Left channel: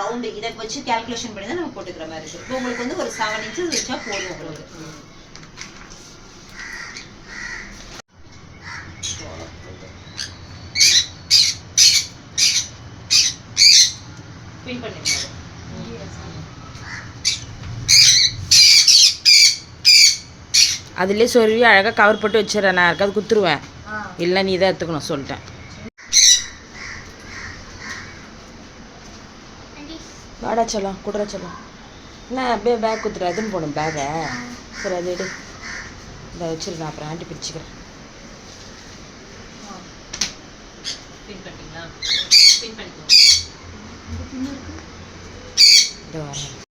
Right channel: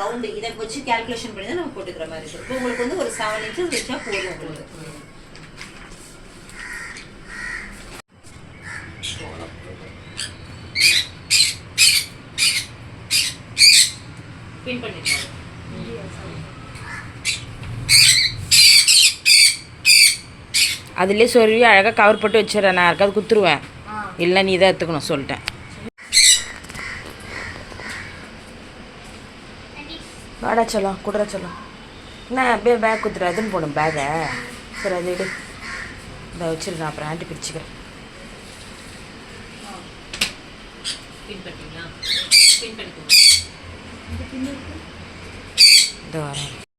Round இதை வச்சு calculation பண்ணி தான் நம்ம போட்டுக்கிற மாதிரி இருக்கு. இப்போ உங்களுக்கு வந்து ஒரு செவன் இன்ச்சஸ் வச்சா போதும் உங்களுக்கு. பின் பண்ணிக்கலாம் அதுலேயே சொருவி அழகாக கவர் போட்டு வச்சிடறேன். நான் யாருக்காவது குத்துருவேன். இல்லை நீ தான் எடுத்துக்கணும் சொல்லிட்டேன். வாடா சொல்லம் குடுற சொல்லம். என்ன அப்படியே பேக் குத்துற அதுன்னு போடும் பேகை சரி அது எடு. இதை வச்சிரு நான் அப்புறம் ஆண்டி பிரிச்சுக்கிறேன். இதோ வரேன்.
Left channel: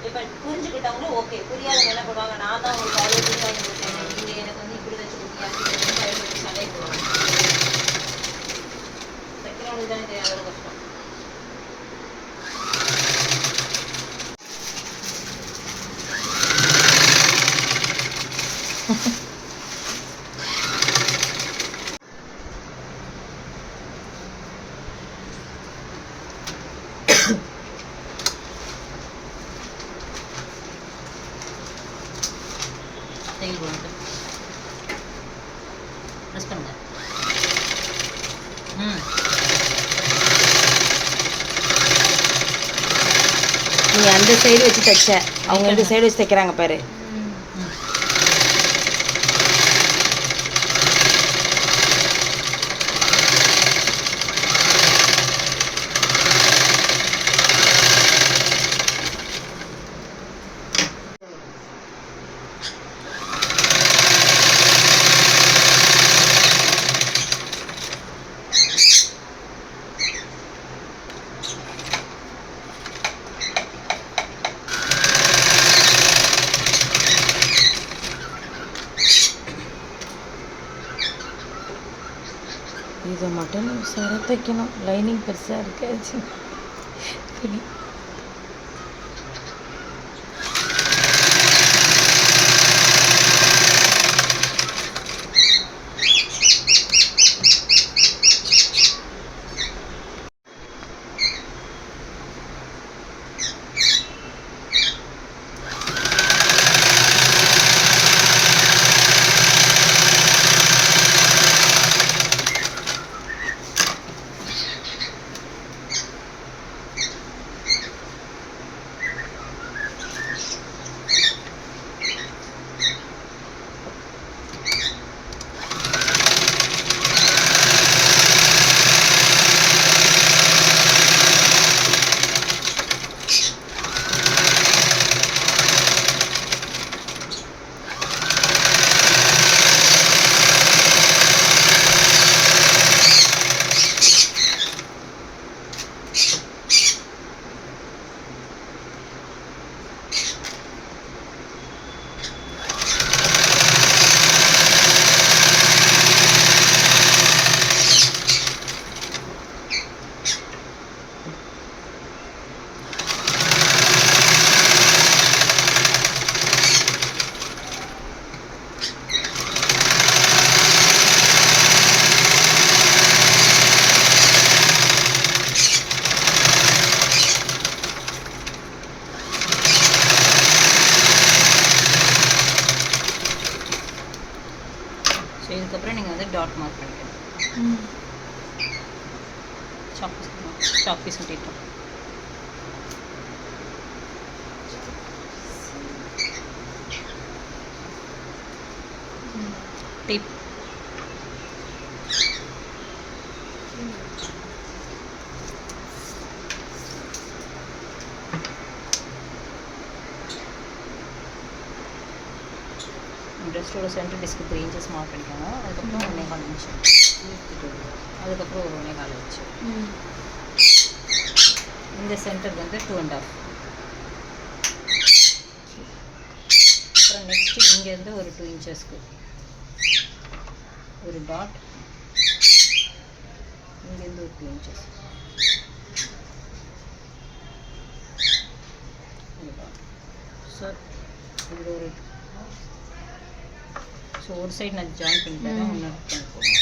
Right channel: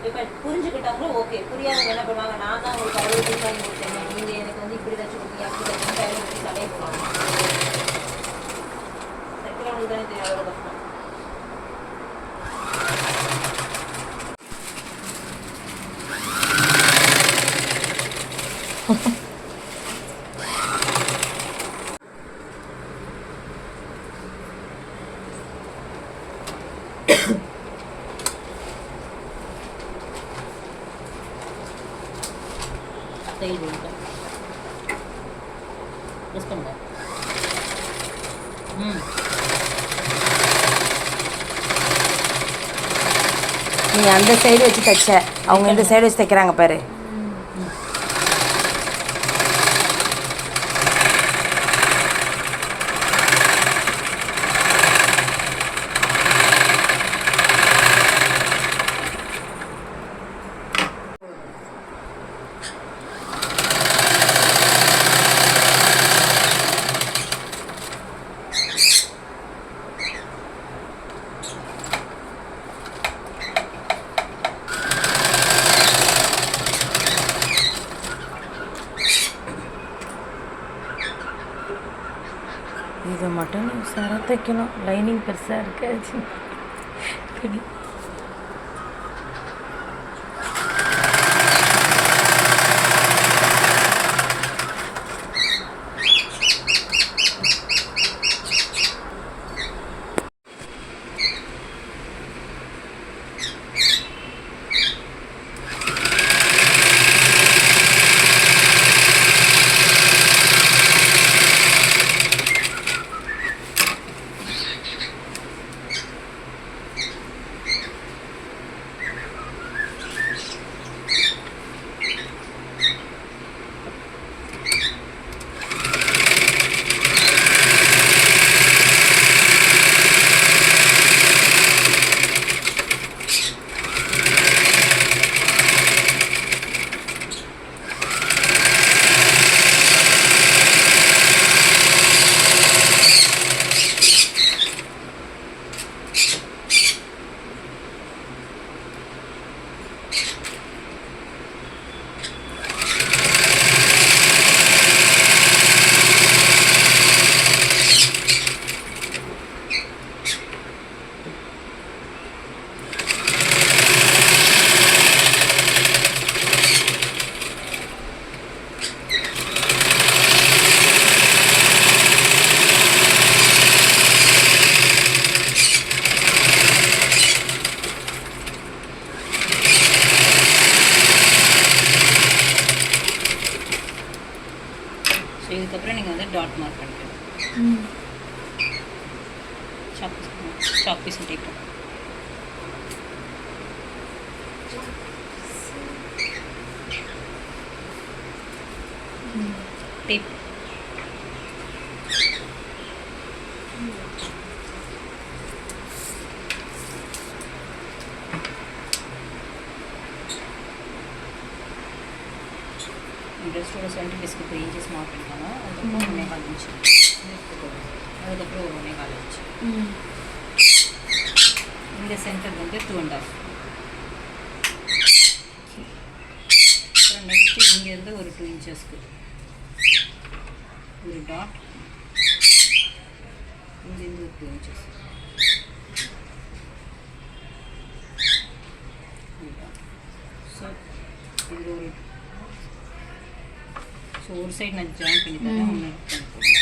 இப்போ புரிஞ்சுக்கிட்டவங்களும் ஓகே புரியாதவங்க என்ன பண்ணுவாங்க? நான் தான் உங்களுக்கு அறுபது ரூபாய் கொடுத்தேன். நீங்கள் எனக்கு வந்து இப்படி வச்சு கொடுத்தீங்க அப்படி வச்சு சண்டை போடுவாங்க தைக்கிறவங்களுக்கு தானே தெரியும் ம் நீ அந்த சைடு வச்சு தைச்ச. அவங்க இந்த சைடு வச்சு தைக்கிறாங்க பாரு. இதை தைக்கணும் லைனிங் பெருசாக இருக்காச்சு சரி ஸோ இதுக்கப்புறம் நீங்கள் வந்து டாட் மார்க் பண்ணிக்கணும் chalk piece chalk piece tape tape செஸ்ட்டோட centre பீஸ்க்கு த்ரீ இன்ச்சஸ் மார்க் பண்ணிக்கோங்க அதுக்கப்புறம் ஒன்றே கால் இன்ச்சு அதுக்கப்புறம் ஒரு ஒன்றே கால் இன்ச்சு ம் இந்த சென்டர் வந்து டூ அண்ட் ஆஃப் அப்புறம் நெக்ஸ்ட்டு இங்கேருந்து ஒரு டூ இன்ச்சஸ்க்கு ஒரு டாட் இங்கேருந்து ஒரு டூ இன்ச்சஸ் ஸோ இதில் ஒரு ஸோ ஒரு சைடு நான் ஜாயின் பண்ணி தரேன் ஒன்று பண்ணிக்கோங்க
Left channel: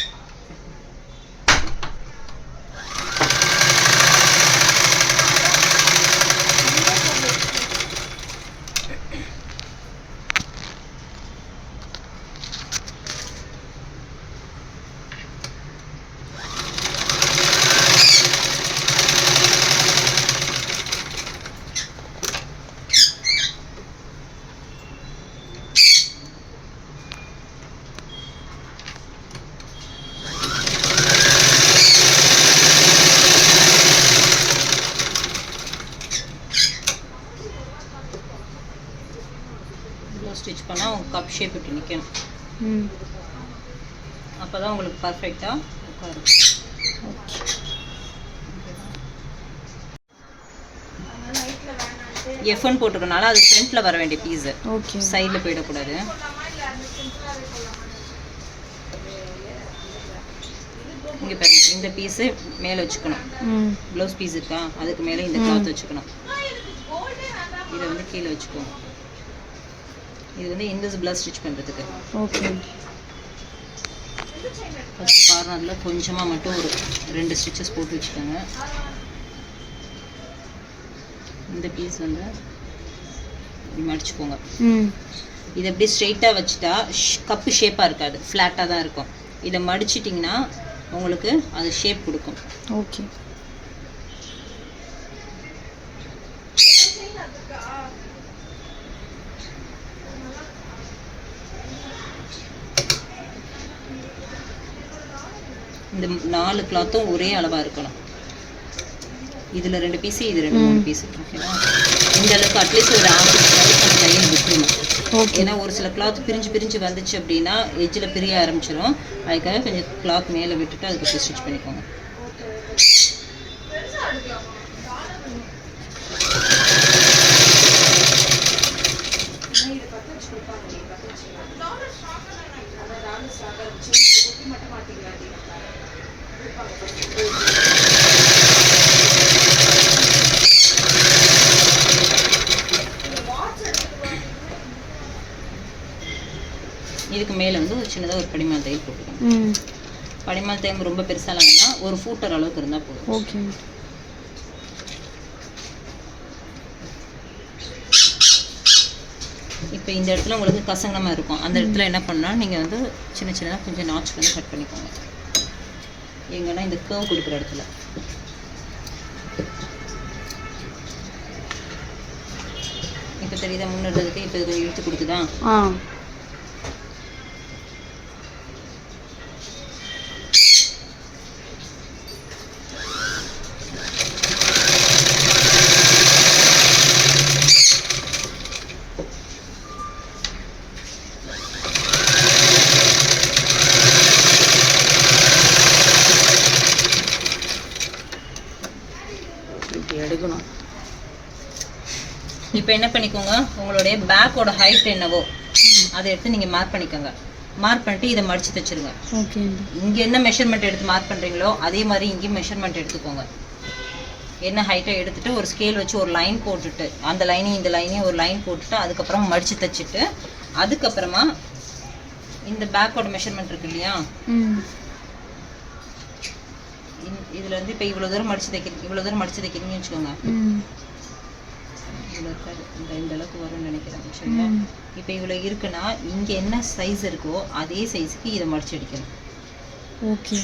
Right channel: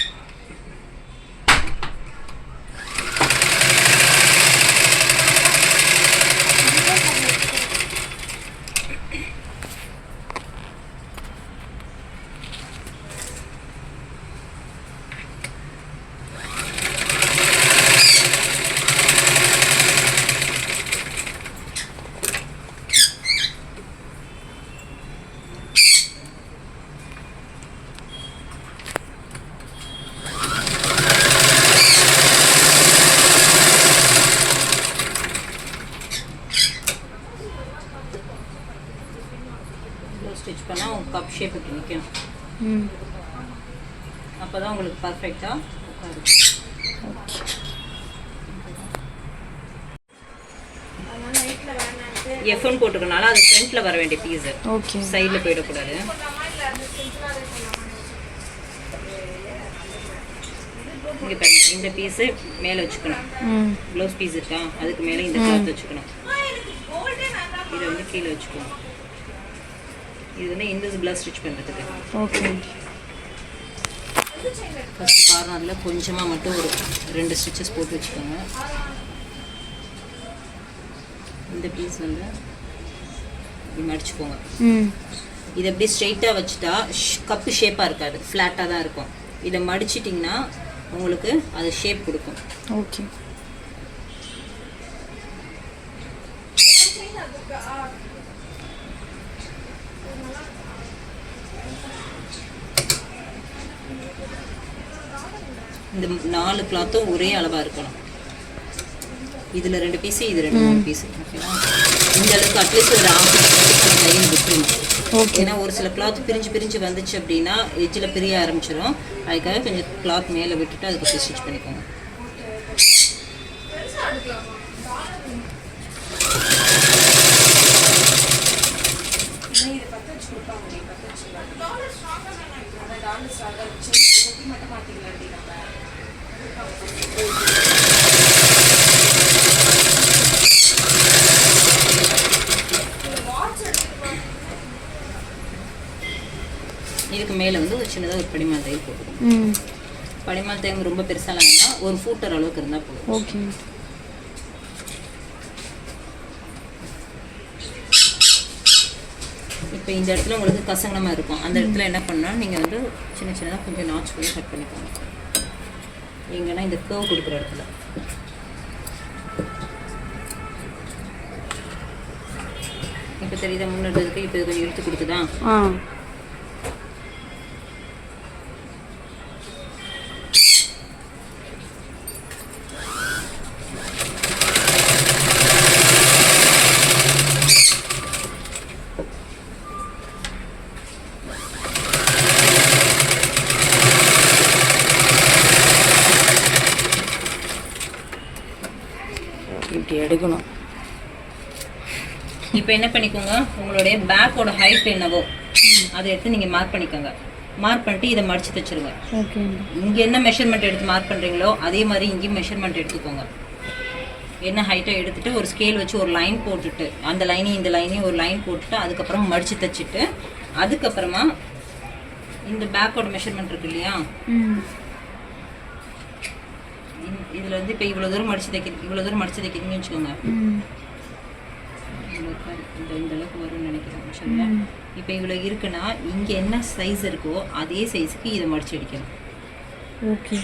இவ்வளோ ஸ்டிச் பண்ணால் உங்கள் கப் ஷேப் இப்படி நிற்கணும் அப்போ தான் உங்களுக்கு பர்ஃபெக்டாக எஃப்என் போட்டுக்கனால அது ஃப்ரண்ட்டில் வர வேண்டிய பீஸு ஓகே சைடில் போயிடக்கூடாது. இங்கே பாருங்க இந்த பீஸு மேலே வச்சுக்கணும். ப்ளவுஸ் பீஸ் இருக்கா? அதுக்கு மேலே இந்த கிளாத் வச்சுக்கணும். இதை வந்து கீழே வச்சுக்கணும். இது வந்து இன்விசிபிளாக ஸ்டிச் பண்ணுறதுக்கு ஓகே. ஃபஸ்ட்டு கார்னரில் கொஞ்சமாக மட்டும் ஒரு ரெண்டு ஸ்டிச்சஸ் போட்டு வச்சுக்கோங்க. இந்த பீஸ் வந்து இப்படி மடிச்சுக்கோங்க. இதை எப்படி ஸ்ட்ரெயிட்டாக வச்சுட்டா கப்பு ஷேப்பாக இருக்காது. ஃப்ளாட்டாக தான் இருக்கும். இதை மடிச்சிட்டிங்கன்னா உங்களுக்கு அது ஷேப் கொடுக்கும். ஓகே. இந்த நாலு கிளாத்தும் ஒரே அளவாக இருக்கணும். இதில் ரெண்டு பீஸு இது ரெண்டு மூணு பீஸு ஓகேவா இந்த அளவுக்கு அட்லீஸ்ட் ஒரு ஆஃப் நம்ம கையில் விட்டுருணும் ஏன்னா ஒரு சில கிளாத் பிரிஞ்சு பிரிஞ்சு வந்துச்சு அப்படின்னா எஜ்ஜில் பிரிய ஆரம்பிச்சிடும் அதுக்காக கொஞ்சம் கிளாத் மேலே விட்டுட்டு அதுக்கு ஸ்டிச் பண்ணிக்கோங்க இதுக்கு மேலே வந்து ஒரு சின்னதாக ஒரு படிமால் தையல் போட்டுக்கணும் ம் படிமால் தையம் ரொம்ப பெருசாக வேணாம் ஒரு ஃபூட்டர் அளவுக்கு இருந்தால் போதும். ஓகே இப்போ இந்த இடத்துல உங்களுக்கு கசங்கமாக இருக்கும். அந்த இடத்துல என்ன பண்ணால் நீங்கள் வந்து சின்ன சின்னதாக கொஞ்சம் நாச் பண்ணி கட் பண்ணிக்கோங்க. எங்கன்னா இந்த கர்வ் கொடுக்குற இடத்துல. இப்போ தெரியுதா முன்னேறதுக்கு இப்போ கொஞ்சம் இழுத்து கொடுக்குதா ஆ இப்படி எடுக்கணும் இப்போ என்ன பண்ணிக்கோங்க உங்களுடைய பேக்கோட ஹைட் என்னவோ அதை எடுத்து நீங்கள் மார்க் பண்ணிக்கோங்க. மார்க் பண்ணிட்டு இதை மடிச்சு தைச்சிருங்க இங்கே என்ன மெஷர்மெண்ட் எடுத்து மார்க் பண்ணுறீங்களோ அதே மாதிரி இங்கேயும் மெஷர்மெண்ட் எடுத்துக்கோங்க. என்ன ஹைட்டை எடுத்துட்டு ஒரு ஸ்கேல் வச்சு ஒரு லைன் போட்டுட்டு அந்த லைனையும் இந்த லைனையும் ஒரு லைன் போட்டுட்டு அதுக்கப்புறம் மடிச்சு தைச்சிட்டு அதுக்கப்புறமா இந்த பேக்கோட மெஷர்மெண்ட் இருக்கு இல்லையா? இதுல வந்து இப்போ இவ்வளோ தூரம் மடிச்சு தைக்கிறது இவ்வளோ தூரம் மடிச்சு தைக்கிறீங்கன்னு வச்சுக்கோங்க. இருக்காது. இந்த இந்த அளவுக்கு வரும்னு நினைக்கிறேன். சரியா? இப்போ இவ்வளோ இருக்குன்னா இங்கே என்ன சைஸ் இருக்கோ அதே சைஸுக்கு இதை மடிச்சு அடிக்கணும். ஓகே.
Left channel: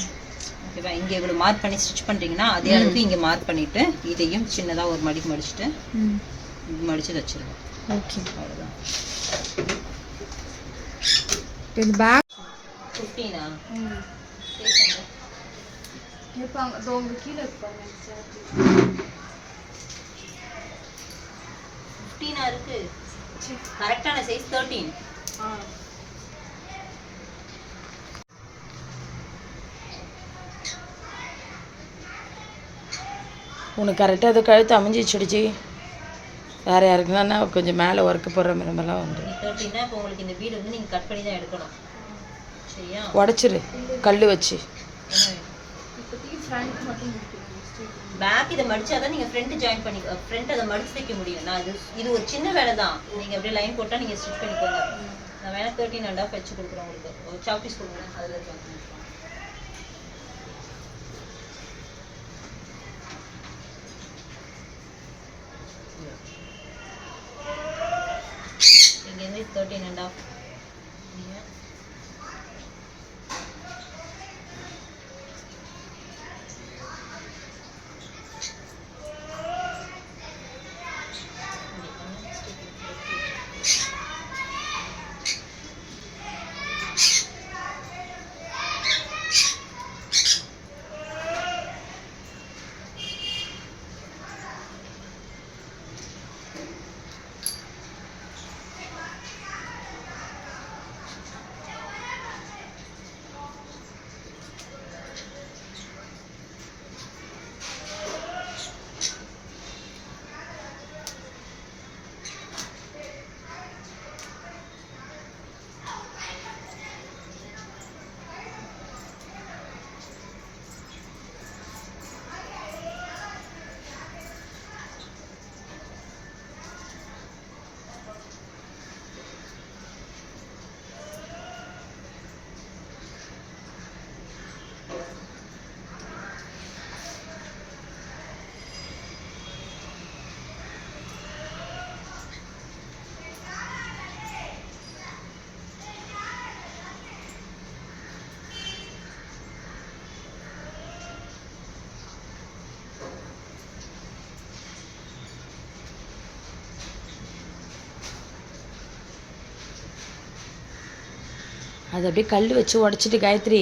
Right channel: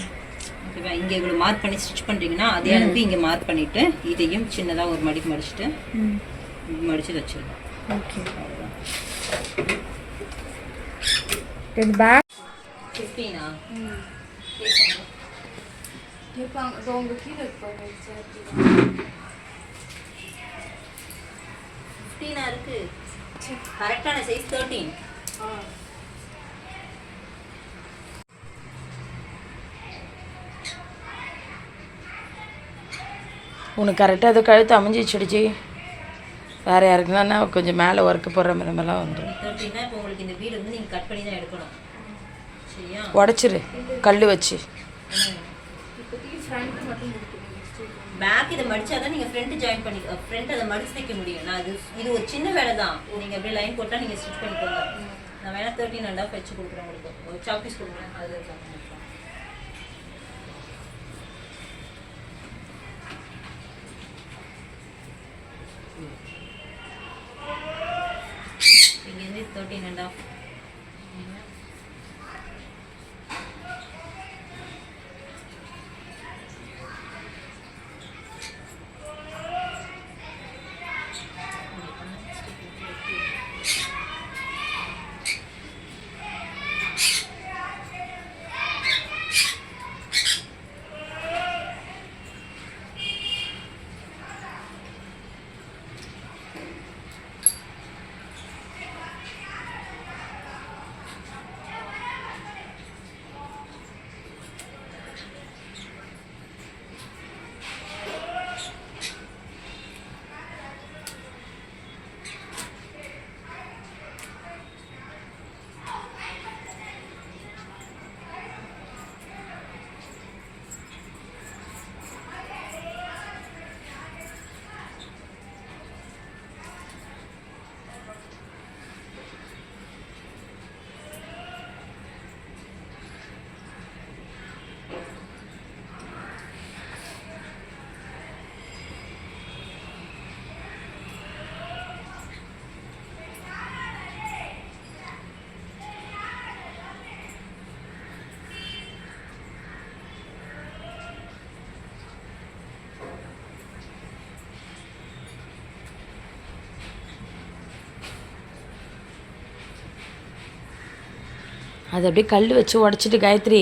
ஓகேவா? இங்கே இவ்வளோ மார்க் பண்ணி ஸ்டிச் பண்ணுறீங்கன்னா அதே அளவுக்கு இங்கே மார்க் பண்ணிவிட்டு இதையும் சின்னதாக ஒரு மடிக்கு மடிச்சுட்டு மடித்து வச்சிருக்கோம் ஓகே. இது பேக் ஃபிஃப்டீனா இருப்பாங்க இதோ உங்க கீழே இருப்பாங்க ஃபிஃப்டீனாக இருக்குது கரெக்டான சைஸ் தேர்ட்டீன் உனக்கு கரெக்டாக அது கழுத்து அமைஞ்சிச்சுடுச்சு வேறு யாருக்குன்னா கொஞ்சம் மேலே ஒர்க்கு போடுற மாதிரிலாம் வந்துடும் எப்படின்னா இப்போ உங்களுக்கு இந்த வீடு வந்து நீங்கள் கட் பண்ணி தான் எடுக்கணும். உடச்சிரு கல் வச்சு. பேக் இதை மடிச்சாதான் நீங்க ஃப்ரண்ட் ஜாயின் பண்ணி ஃப்ரண்ட் அதை மடிச்சு தைக்க முடியும். நான் இது இது ஒரு சின்ன வேலை தான் நீங்க அப்படியே லைன் போட்டா நீங்க ஸ்டிச் பண்ணிக்கோங்க. நான் வேணா தேர்ட்டின் அண்ட் ஆஃப் வச்சு கொடுக்குறேன் உங்களுக்கு. ஒரு சாப்பீஸ் கொடுங்க. அதில் இருக்காங்க இங்கேருந்து தேர்ட்டின் அண்ட் ஆஃப் அது அப்படியே கல் வச்சு உடச்சிட்டு காயத்ரி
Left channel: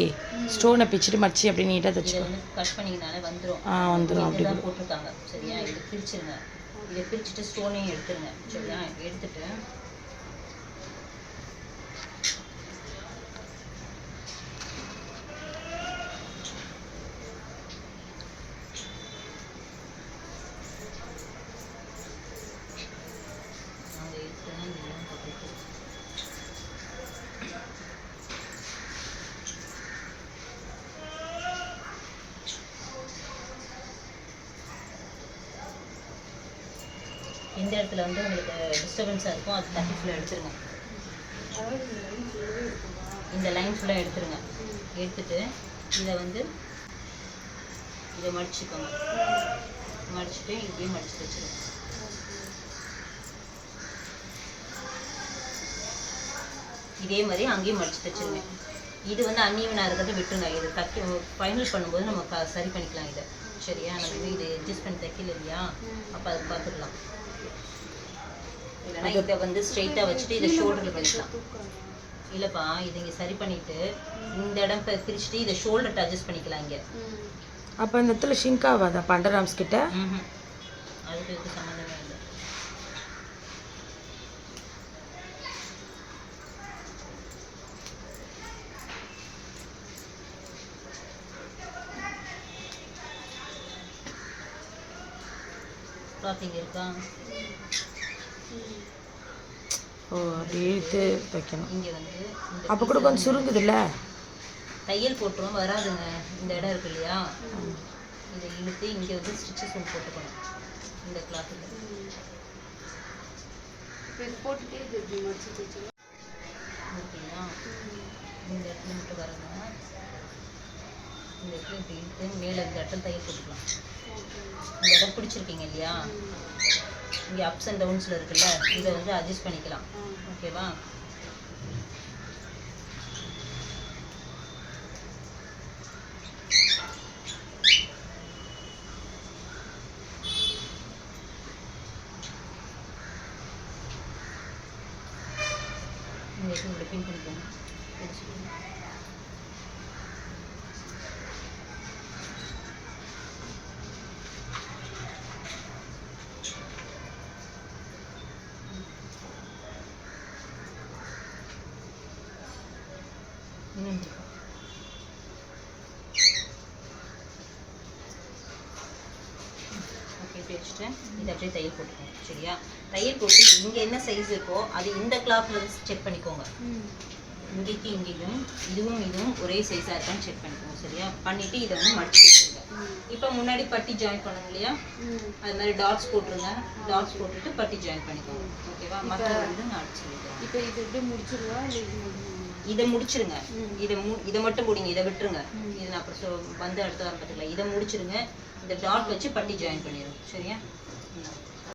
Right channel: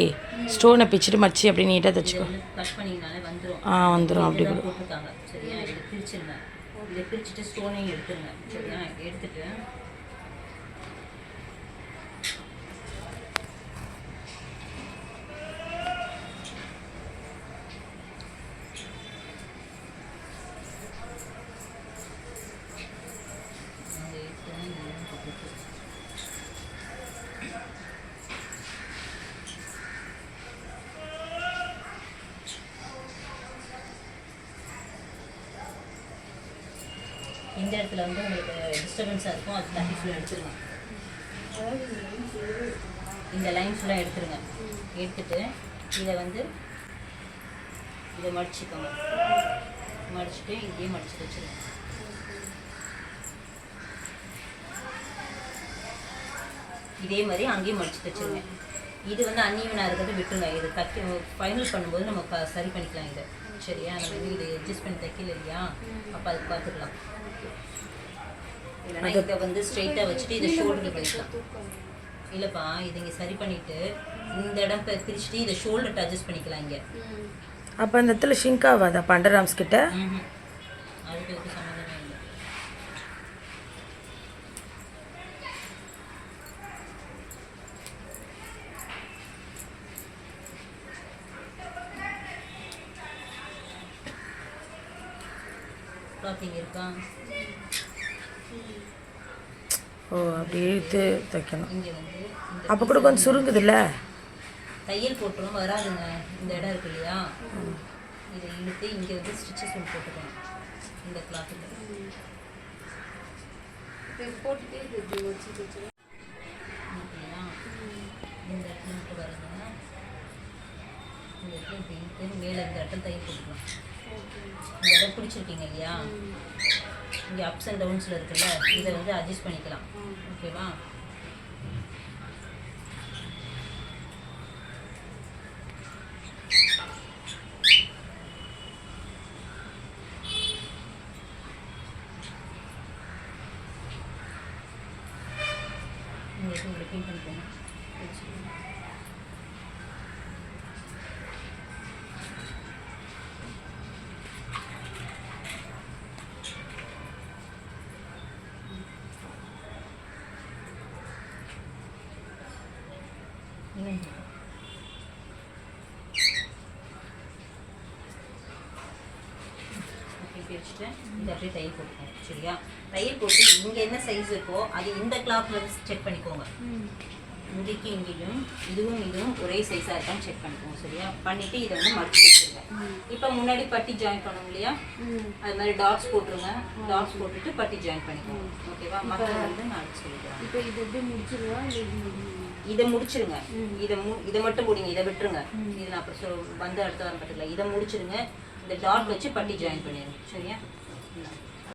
ஸ்டோனை பிச்சுட்டு மடிச்சு அப்படியே நீட்டாக தைச்சிக்கோ. கட் பண்ணிங்கனாலே வந்துடும் ஆ வந்துடும் அப்படி போட்டிருக்காங்க. சரியா? இதை பிரிச்சிருங்க. இதை பிரிச்சுட்டு ஸ்டோனையும் எடுத்துருங்க. சரியா? எடுத்துட்டு அதை எடுத்து தான் இதெல்லாம் போட்டுருக்கு. எந்த இடத்துல வந்து உங்களுக்கு டிஸ்டர்பன்ஸாக இருக்கும் அது தண்ணி ஃபுல்லாக எடுத்துருங்க. இந்த லைன் ஃபுல்லாக எடுத்துருங்க. எடுத்துட்டு இதை வந்து இதை மடிச்சுக்கோங்க. மடிச்சுட்டு இதையும் மடிச்சு வச்சுருங்க. இதே மாதிரி அங்கேயும் மடிச்சு வச்சுருங்க. இது வந்து அன்ஈவனாக இருக்கிறத விட்டுருங்க. இதை தைக்க ஃபைனல் பண்ணும்போது நம்ம க சரி பண்ணிக்கலாம் இதை. சரியா? நம்ம இது இதை அட்ஜஸ்ட் பண்ணி தைக்கல இல்லையா? அப்போ அதுக்கு பார்த்துக்கலாம் இல்லைன்னா இதை வந்து ஸ்ட்ரைட்டாக வச்சுட்டு இதை ஷோல்டரில் பண்ணிக்கலாம். இல்லைப்பா இதை இங்கே சரி பண்ணிவிட்டு இந்த இடம் பிரிச்சுட்டு இதை ஷோல்டர்ட்ட அட்ஜஸ்ட் பண்ணிக்கலாம் இங்கே. அப்போ இந்த இடத்துல ஷிங்க் ஆகாதா பண்டராம்ஸ் கிட்ட. அதுக்கு இதுக்கு சம்மந்தமே இல்லை. கிளாத்திங் இருக்கா? ஓ அப்படியே இழுத்து தைக்கணும் இங்கே வந்து இந்த அப்போ கூட கொஞ்சம் சுருங்குதுல்ல? தையல் போட்டுரும் வராதுங்க. இந்த இடம் இருக்கு இல்லையா? இதை இழுத்து இங்கே வந்து ஸ்டிச்சஸ் ஒன்று போட்டுக்கணும். இந்த கிளாத்தில் ஓகேயா? இந்த இடத்துல மட்டும் வரங்க இந்த இடத்துல இப்படி இழுத்து மேலே இந்த இடத்துல தையல் போட்டுக்கலாம். இந்த இடம் பிடிச்சிருக்கீங்க இல்லையா? இங்கே அப்ஸ் அண்ட் டவுன்ஸில் இருக்குல்ல இதை வந்து அட்ஜஸ்ட் பண்ணிக்கலாம். ஓகேவா இங்கே இங்கே பண்ணிக்கோங்க? அப்படியே தையல் போட்டுக்கோங்க சரியா? தையல் போட்டு இங்கே என்ன சைஸ் இருக்கோ அது இந்த கிளாத்தில் செக் பண்ணிக்கோங்க. இங்கேக்கு இங்கேயும் இதுவும் இதுவும் ஒரே சைஸாக இருக்கான்னு செக் பண்ணிக்கோங்க சரியா? பண்ணிவிட்டு இதை வந்து மடிச்சு வச்சுருங்க. இப்போ முன்னாடி பட்டி ஜாயின் பண்ணணும் இல்லையா? அது மாதிரி டாட்ஸ் போட்டுருங்க. டாட்ஸ் போட்டுட்டு பட்டி ஜாயின் பண்ணிக்கோங்க. ஓகேவா மற்ற வந்து நான் அடிச்சு இப்போ இது எப்படி முடிச்சிருவா? இது முடிச்சிருங்க. இதை மு இதை மட்டும் முடிங்க இதை விட்டுருங்க. இது நான் அப்புறம் சொ- வந்து அடுத்த வாரம் பார்த்துக்கலாம். இதை முடிச்சிருங்க. இந்த டாட் வச்சு பட்டி ஜாயின் பண்ணிடுங்க சரியா? இந்தா.